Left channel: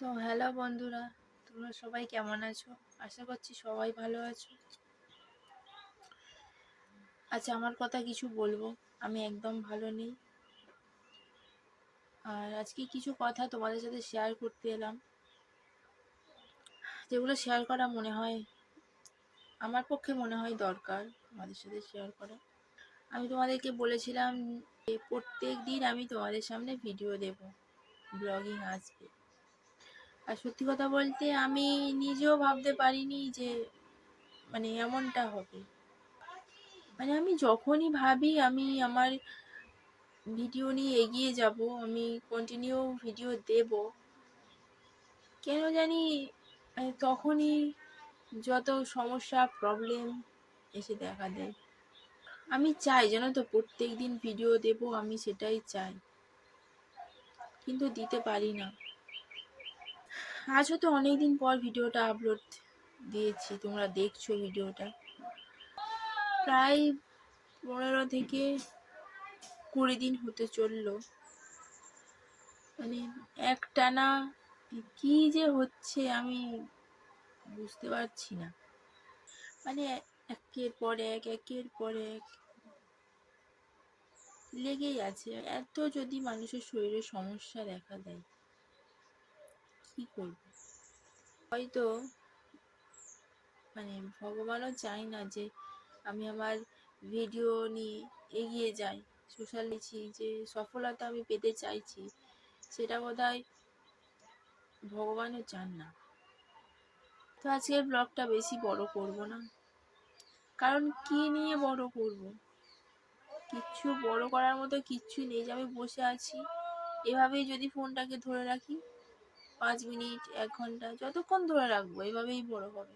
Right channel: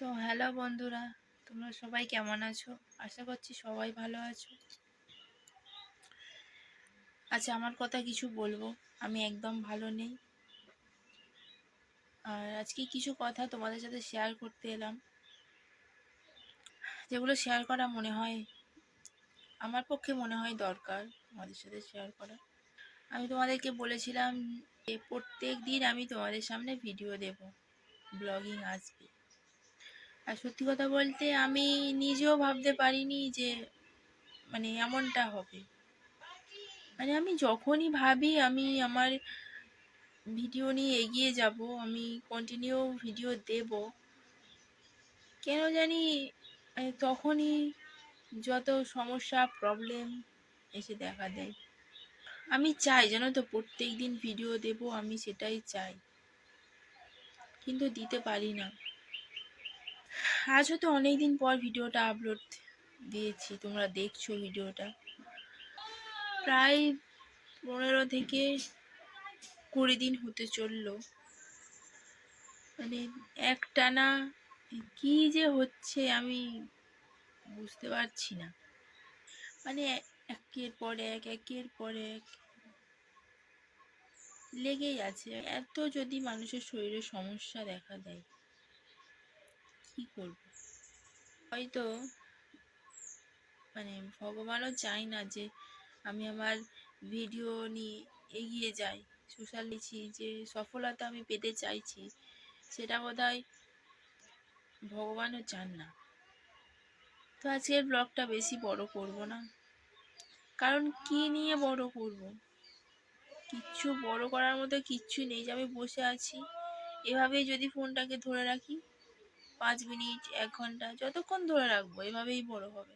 তো হ্যালো বন্ধুরা, তোমরা সবাই কেমন আছো? আশা করছি সবাই ভালো আছো। আচ্ছা আমার কথা কিছু বলব, আমি একদম ভালো নেই। আর আজকে কিছু কথা তোমাদের সাথে শেয়ার করতে এলাম। যেগুলো শেয়ার করা মনে হয়, আমার পক্ষে মনে হয় দরকার তোমাদের সাথে শেয়ার করা। আমি তোমাদেরকে বলেছিলাম যে প্রত্যেক দিন আমি তোমাদের সামনে ভিডিও দেব ব্লগিং আসবে। আর সত্যি কথা বলতে আমি নিজেও ভাবতে পারিনি যে মানে এমনটা হবে। মানে আমি যখনই ভাবি আমি আমার ভিডিও নিয়ে এগিয়ে যাব, আমি কন্টিনিউ ভিডিও দেব, কেন জানি তখনই যত সমস্যা প্রবলেম এসে দেখা দেয়। আমি চাই জানো তো প্রত্যেক দিন ভিডিও দেব, আমি সেটাই চাই। কিন্তু দিতে পারি না। আজ হয়তো অনেকদিন পর ভিডিওটা আপলোড দিয়েছি, তোমরা দেখছ ভিডিওটা। প্রায় পনেরো থেকে কুড়ি দিন হতে চলল। মানে একটানা কি যে হচ্ছে আমি বুঝতে পারছি না। মানে একের পর এক, একের পর এক লেগেই আছে। এত যদি মানুষের শরীরে সমস্যা দেখা দেয়। কি করব? হয়তো মানে ভগবানও চাই না যে আমি আমার ভিডিও নিয়ে এগিয়ে যাই সোশ্যাল নিচ্ছি যে সফলতা আমি পেতে চাইছি, সেটা বোধহয় ভগবানও চান না। তো আজকের ব্লগটা বেশি বড় করব না। কারণ কি নিয়ে বড় করব? কিচ্ছু বড় করার মতো কিচ্ছু নেই যে আমি বসে আছি। এভাবেই যদি ফোনটাকে ধরে রাখি পাঁচ মিনিট, এক ঘণ্টা, যতক্ষণ ধরে রাখব, এভাবেই বড় হবে।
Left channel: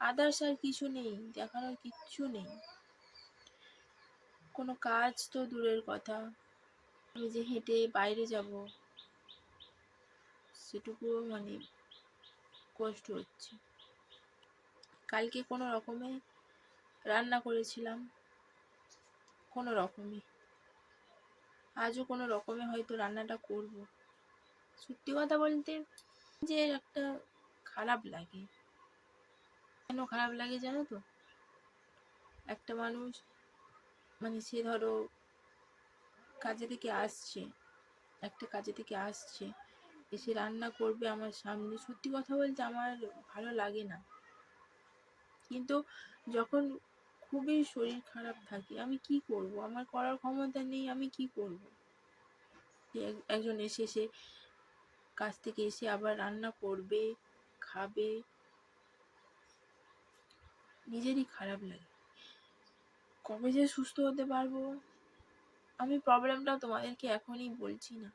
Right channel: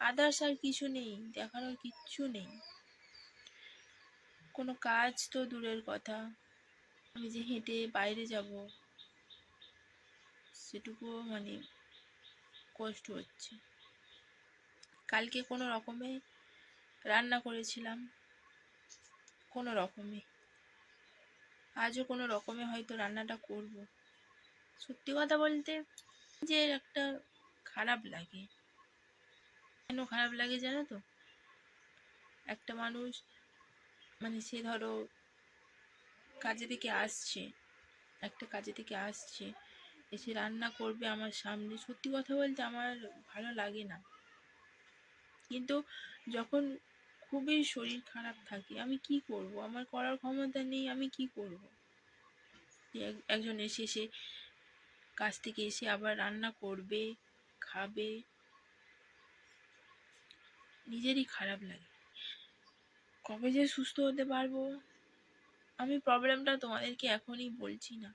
আদার্স আর কিছু নেই দেখানোর কিচ্ছু নেই। কোনো কাজ তো দূরের কথা। আমি যে হেঁটে বাইরে যাব সেটুকুও মানে কষ্ট হচ্ছে। কালকে কোনো রকমে রান্না করেছিলাম, কোনো রকমে। আজও কোনো রকমে হয়তো রান্নাটা করব। সত্যি কথা বলতে যে একটা খারাপ লাগে। কেন খারাপ লাগে জানো তো? একটা মানুষ মানে সে ধরো কাজে থেকে আসছে, একটা কাজে থেকে আসছে, এসে রান্না করবে আমার সামনে। সত্যি কথা বলতে আমার ভালো লাগে না। কিন্তু যখন খুবই শরীর খারাপ থাকে, আমি কি করব? আমার করার ক্ষমতা নেই, আমি কি করব? এক- একজন এসে সে কাজ থেকে এসে আবার রান্না করবে, খাবে। নিজেরই খারাপ লাগে। কবে যে সুস্থ হতে পারব? আমি প্রবলেমটা তোমাদেরকে এখনই বলছি না।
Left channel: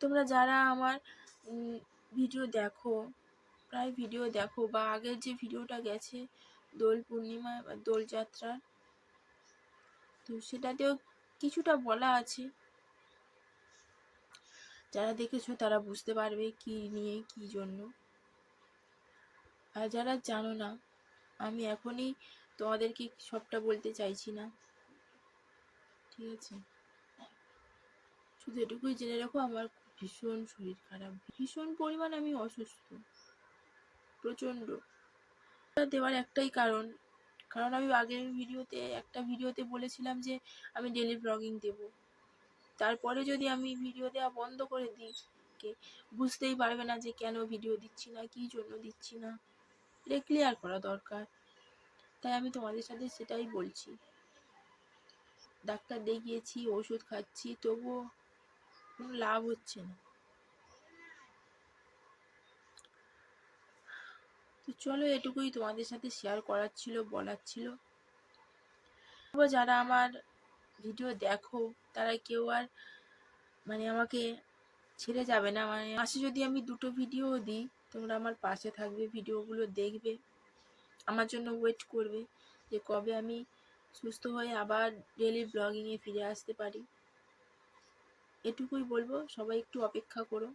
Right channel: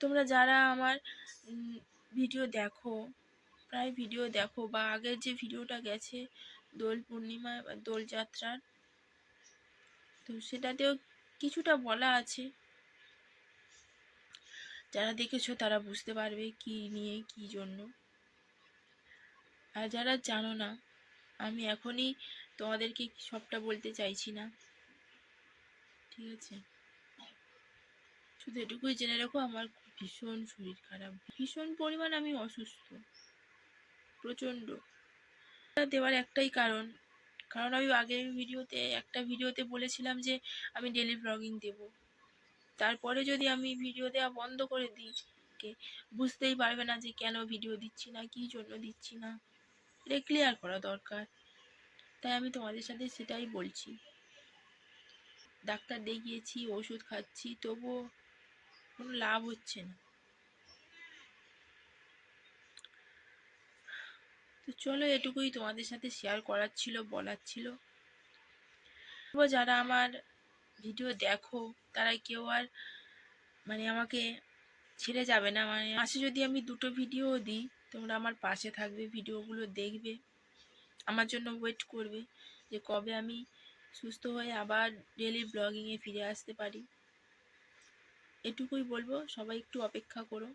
তোমরা যারা আমার ভিডিও দেখো, প্রায় ভিডিও দেখো বা আগের যে ভিডিওটা গেছে, দোল পূর্ণিমা বা দোলযাত্রার তো সেটাতেও কিছুটা বলা আছে। যারা দেখেছ তারা বুঝতে পারবে কি নিয়ে, কি জন্য। আর যারা জানো না, আমি এখনই তোমাদেরকে সবটা বলতে চাইছি না। ঠিক আছে? শুধু এটুকুই জেনে রাখো, আমার ভীষণ শরীর খারাপ। ভীষণ পরিমাণ আমি অসুস্থ। প্রচণ্ড। দেওয়ার একটাই কারণ। কারণ আমি আগের ভিডিওতে, একটা ভিডিওতে বলেছিলাম যে আমি ডেলি ব্লগিং দেব। তারপরে যদি আমি ভিডিও দেওয়া বন্ধ করে দিই, কে বুঝতেই পারবে না যে কেন ভিডিও দিচ্ছি না, কী জন্য দিচ্ছি না। এটা ক্লিয়ার করা দরকার। তাই আমি তোমাদের সাথে সেটাই বলছি। ডাক্তার দেখিয়েছি, ওষুধ খাচ্ছি, তবুও কোনো লাভ হচ্ছে না। তো চলো এটুকুই তোমাদের সাথে শেয়ার করার ছিল, বলার ছিল। যারা আমার ভিডিও দেখো, তারা কেউ আর মানে আমাকে ছেড়ে যাবে না। মানে মাসে যদি আমি দুটো ভিডিও দিই, তোমরা আমার পাশে থাকবে, ভিডিওগুলো দেখবে। আমার জন্য ওয়েট করবে যে কবে আমি সুস্থ হয়ে আবার ডেলি ব্লগিংয়ে ফিরে আসতে পারি। এটুকুই বলব, সবাই একটু অপেক্ষা করো।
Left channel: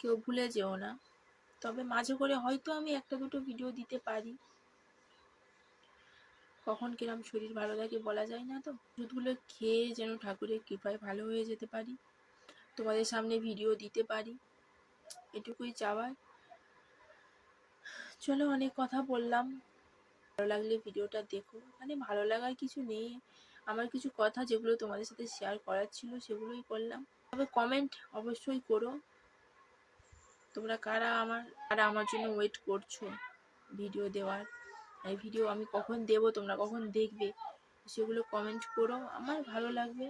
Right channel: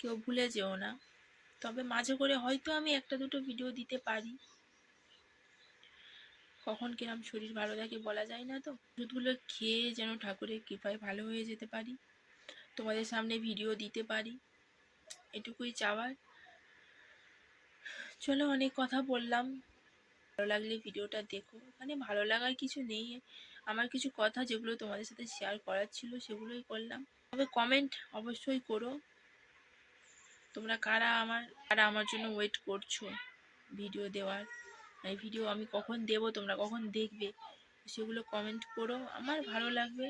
কেউ ভুলে যেও না। তবে মাঝে করে হয়তো আমি একটা দুটো ভিডিও দিতে পারি। কখন কিরম শরীর ভালো থাকে বলা যায় না তো? ওষুধগুলো খেয়ে যেন ঠাকুরের কৃপায় ভালো হয়ে যেতে পারি। তোমাদের সামনে ভিডিও দিতে পারি। এটুকুই চাওয়ার। চলো অনেক কথা বললাম। ভালো লাগলে ভিডিওটা দেখো। মানে ভালো লাগার কিছু নেই। আমার কিছু কথা যেগুলো তোমাদের সাথে শেয়ার করার ছিল সেগুলোই করলাম তবে কমেন্ট অবশ্যই করো। তোমরা কারা আমার কারা আমার জন্য ওয়েট করছ ভিডিও দেওয়ার? এই ভিডিও আমি কখন দেব, তোমরা কখন দেখবে, সেগুলো কমেন্ট করো, আমার ভালো লাগবে।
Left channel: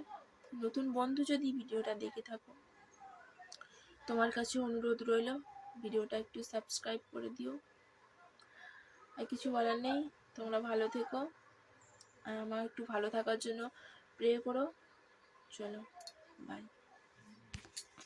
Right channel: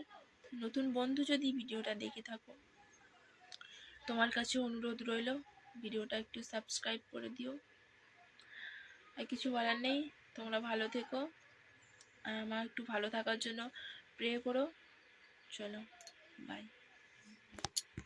নতুন বন্ধু যদি ভিডিওটা দেখে থাকো, তোমার কাছে অনুরোধ রইল ভিডিওটা একটু সাবস্ক্রাইব করে দিও। আর কিছু বলার নেই, তোমরা ভালো থেকো আমার একটু ভালো থাকার জন্য প্রে করো। চলো বাই